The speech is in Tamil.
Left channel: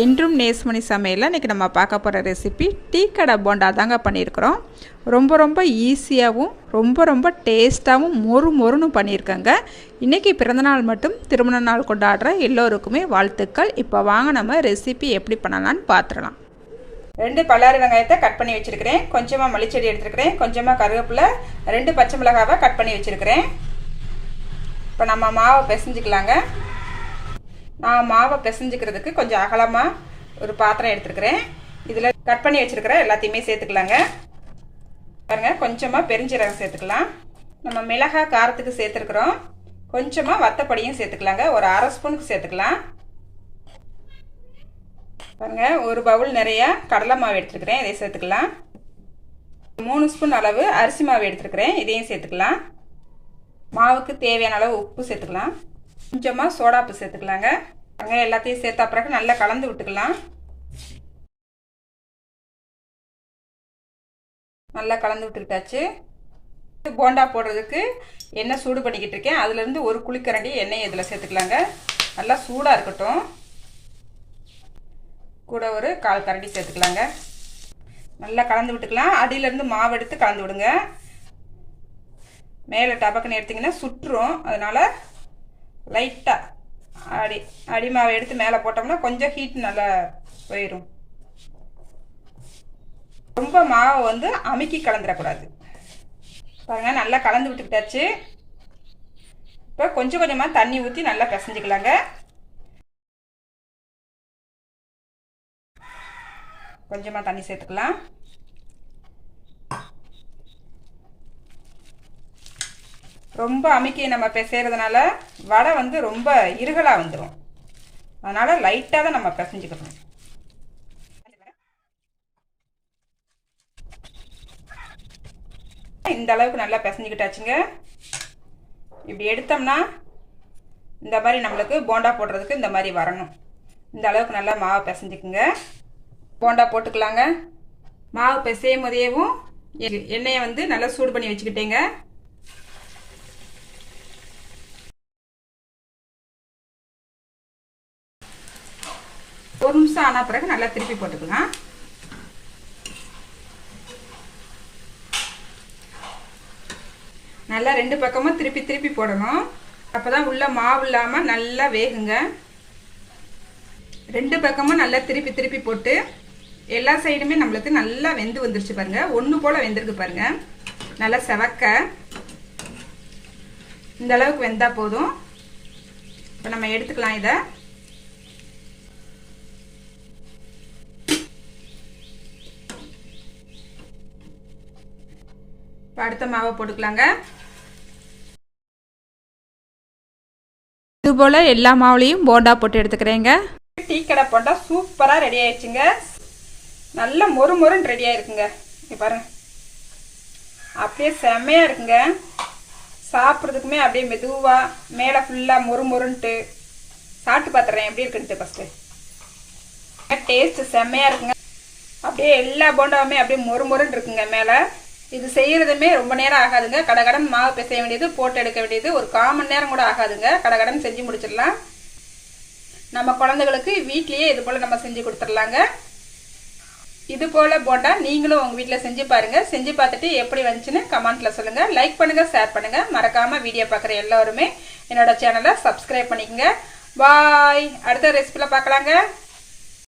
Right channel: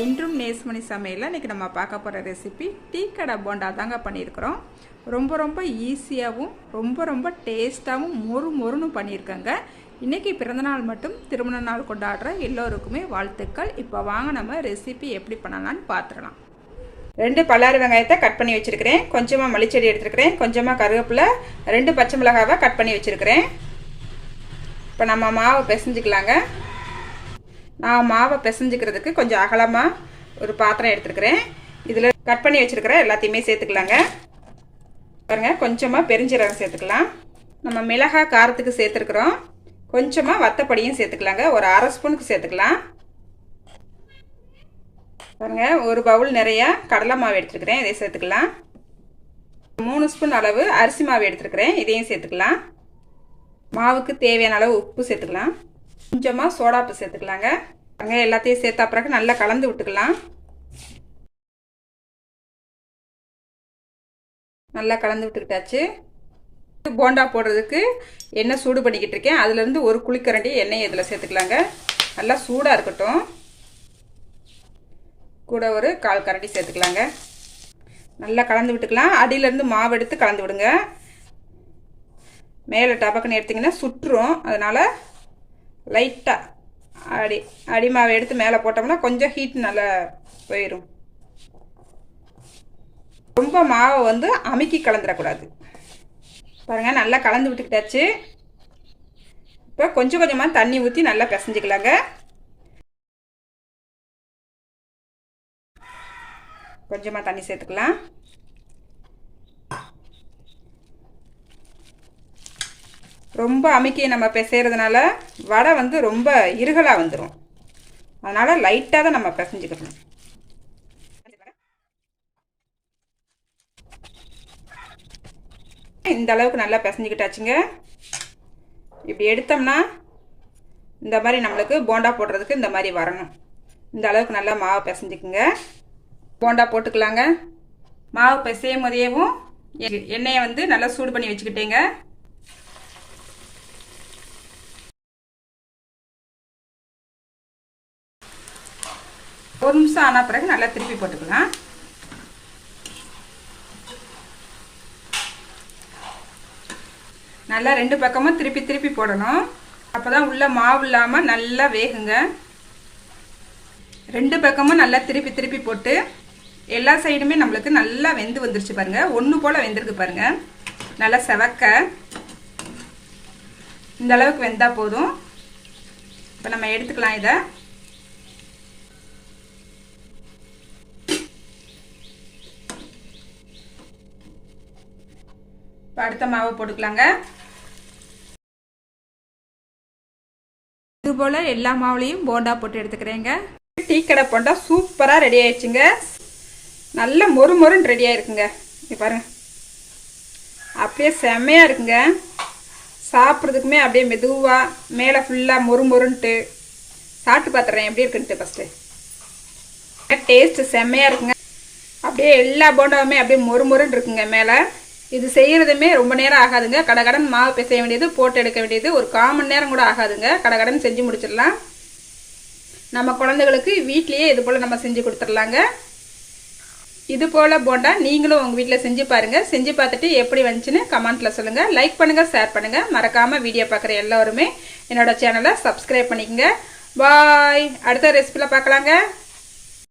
என்றும் நேஸ்மணி சமையலில் இன்றைக்கி நம்ம பார்க்க போகிற ரெசிபி டீ கடை போண்டா தாங்க பண்ணியிருக்கிறோம். ரொம்ப ஈஸியாகவும் ரொம்ப டேஸ்ட்டாகவும் மொறுன்னு பண்ணியிருக்கேங்க. இன்றைக்கி பிறந்தநாள் மட்டும் திருமண நாள் கொண்டாடுற எல்லோருக்குமே வாழ்த்துக்கள். இப்போ வாங்க நம்ம ரெசிபி எப்படி பண்ணலான்னு பார்த்துடலாம். 2 பல்லாரி வெங்காயத்தை கட் பண்ணி வச்சுருக்கிறேன். கொஞ்சமாக மல்லிச்செடி எடுத்துருக்கிறேன். கொஞ்சமாக கருவேப்பிலை, 2 பச்சை மிளகாவை கட் பண்ணி வச்சுருக்கிறேன். இப்போ நம்ம மாவை பிசைஞ்சிக்கலாங்க. நான் மாவை பிசைஞ்சிக்கிறதுக்கு கொஞ்சம் அகலமாக ஒரு பாத்திரம் எடுத்துருக்கிறேன். இதில் கட் பண்ணி வச்சுருக்கிற எல்லாத்தையுமே சேர்த்துக்கலாங்க. பாருங்கள், கொஞ்சமாக பெருஞ்சீரகம் சேர்த்துக்கலாம். நம்ம மிளகாய் காரத்துக்கு சேர்த்துருக்குறோம். கொஞ்சமாக வத்தப்பொடியும் சேர்த்துக்கலாங்க. ஒரு அரை ஸ்பூனுக்கு சேர்த்துக்கலாம். பாருங்கள், ஒரு பவுல் நிறையா கடலை மாவு எடுத்துருக்கிறேன். இதை சேர்த்துக்கலாம். 3 ஸ்பூன் அளவு அரிசி மாவு எடுத்துருக்கிறேன். இதையும் சேர்த்துக்கலாம். மாவுக்கு தேவையான அளவு உப்பு சேர்த்துக்கலாம். கொஞ்சமாக சோடாப்பு சேர்த்துக்கலாங்க. அங்கே எல்லாத்தையும் சேர்த்தா பிறகு நல்லா கலந்து விட்டுக்கலாம். நல்லா கலந்து விட்டுக்கிட்டாச்சு. போண்டா போடுறதுக்கு எண்ணெய் சூடு பண்ணிக்கிட்டு இருக்கேன். அதுலேருந்து ஒரு குழிக்கரண்டி எண்ணெய் இதில் சேர்த்துக்கலாங்க. நல்லா சூடாக இருக்கட்டும். கூட ஒரு 1/4 கரண்டி சேர்த்துக்கலாங்க. நல்லா கலந்து விட்டுக்கலாம். அடியிலேருந்து மாவு எடுத்து கலந்து விடுங்க. மேலே டபக்குன்னு எடுத்திங்கன்னா சுட்டுரும். அதனால் லைட்டாக அடி மாவை எடுத்து மேலே போட்டோம்னா கொஞ்சம் ஹீட் நல்லா போயிடும். ரொம்ப மாவை வந்து அமுக்கி கலந்துடக்கூடாது. பாருங்கள், நல்லா கலந்து விட்டுக்கிட்டாச்சு. இப்போ கொஞ்சமாக தண்ணி ஊற்றி நல்லா பிசைஞ்சிக்கலாங்க. கொஞ்சமாக தண்ணி சேர்த்துக்கலாம். ரொம்ப அமுக்கி நம்ம பிசைறதுனால வடை வந்து ரொம்ப இருகலாக வந்துடும். அதனால் லைட்டாக தான் நம்ம பிசைஞ்சுக்கணும். இந்த அளவுக்கு நல்லா பிசைஞ்சிக்கிட்டாச்சுங்க. இப்படி எடுத்தோம்னா இந்த மாதிரி நம்மளுக்கு போண்டா போடுறதுக்கு இந்த மாதிரி வரணும். இந்த அளவுக்கு நல்லா மாவு பிசைஞ்சுக்குங்க. போண்டா போட்டுக்கலாங்க. மாவு பிசையும் போதேவும் எண்ணெயை வந்து நல்லா சூடு பண்ணி வச்சுக்கிட்டேங்க. ஒரு நிமிஷம் ஆன பிறகு நல்லா திருப்பி போட்டுக்கலாம். நல்லா 2 பக்கமும் திருப்பி போடணும். அப்போதான் உள்ள மாவு இல்லாமல் நல்லா வேகுங்க. 2 பக்கமும் நல்லா திருப்பி போட்டு எல்லா சைடுமே நம்மளுக்கு நல்லா வெந்து வந்துருச்சு பாருங்க. ஒன்று போல் வெந்திருக்கு பாருங்க. நல்லா செவக்க இந்த அளவுக்கு வெந்தா போதும். இப்போ நம்ம எடுத்துக்கலாம். இதை அடுத்த மாவை போட்டுக்கலாங்க. இது போல எல்லா மாவுலையும் போண்டா போட்டு எடுத்துக்கிறேங்க. டீ கடை போண்டா சூப்பராக ரெடி ஆயிடுச்சுங்க. நல்ல மொறுன்னு ரெடி ஆயிருக்குங்க. இங்கே பாருங்க, அப்படியே செம்மையாக இருக்குங்க. சாப்பிட்றதுக்குமே அப்படியே மெதுவாக மேலே ஃபுல்லாக மொறுன்ட்டு சாப்பிட்டு பார்த்துறேன் எப்படி இருக்குன்ட்டு. ஃபஸ்ட்டு டேஸ்ட்டு செம்மையாக இருக்குங்க. அப்படியே எல்லா போண்டாவுமே அப்படியே மொறுன்னு இருக்குங்க மேலே. இது செய்கிறதுமே ரொம்ப நேரம் ஆகாதுங்க. கடகடன் மாவு பிசைய வேண்டியது, போட்டு எடுக்க வேண்டியது ஒரு 1/4 மணி நேரம் கூட ஆகாதுங்க. கடகடன் செஞ்சு முடிச்சிடலாம். நம்ம குழந்தைகளுக்கு வீட்லேயே இது போல் நம்ம செஞ்சு கொடுத்துடலாங்க. இது போல் போண்டா நீங்களும் உங்கள் வீட்டில் செஞ்சு பாருங்கள். செஞ்சு பார்த்துட்டு எப்படி வந்துச்சுன்னு கமெண்ட்டில் சொல்லுங்கள். லைக் பண்ணுங்கள், ஷேர் பண்ணுங்கள். மறக்காமல் வீடியோ பார்க்குற எல்லோருமே என்னோட சேனலை சப்ஸ்கிரைப் பண்ணிக்கோங்க. பாய். அடுத்த ரெசிபியில் பார்க்கலாங்க.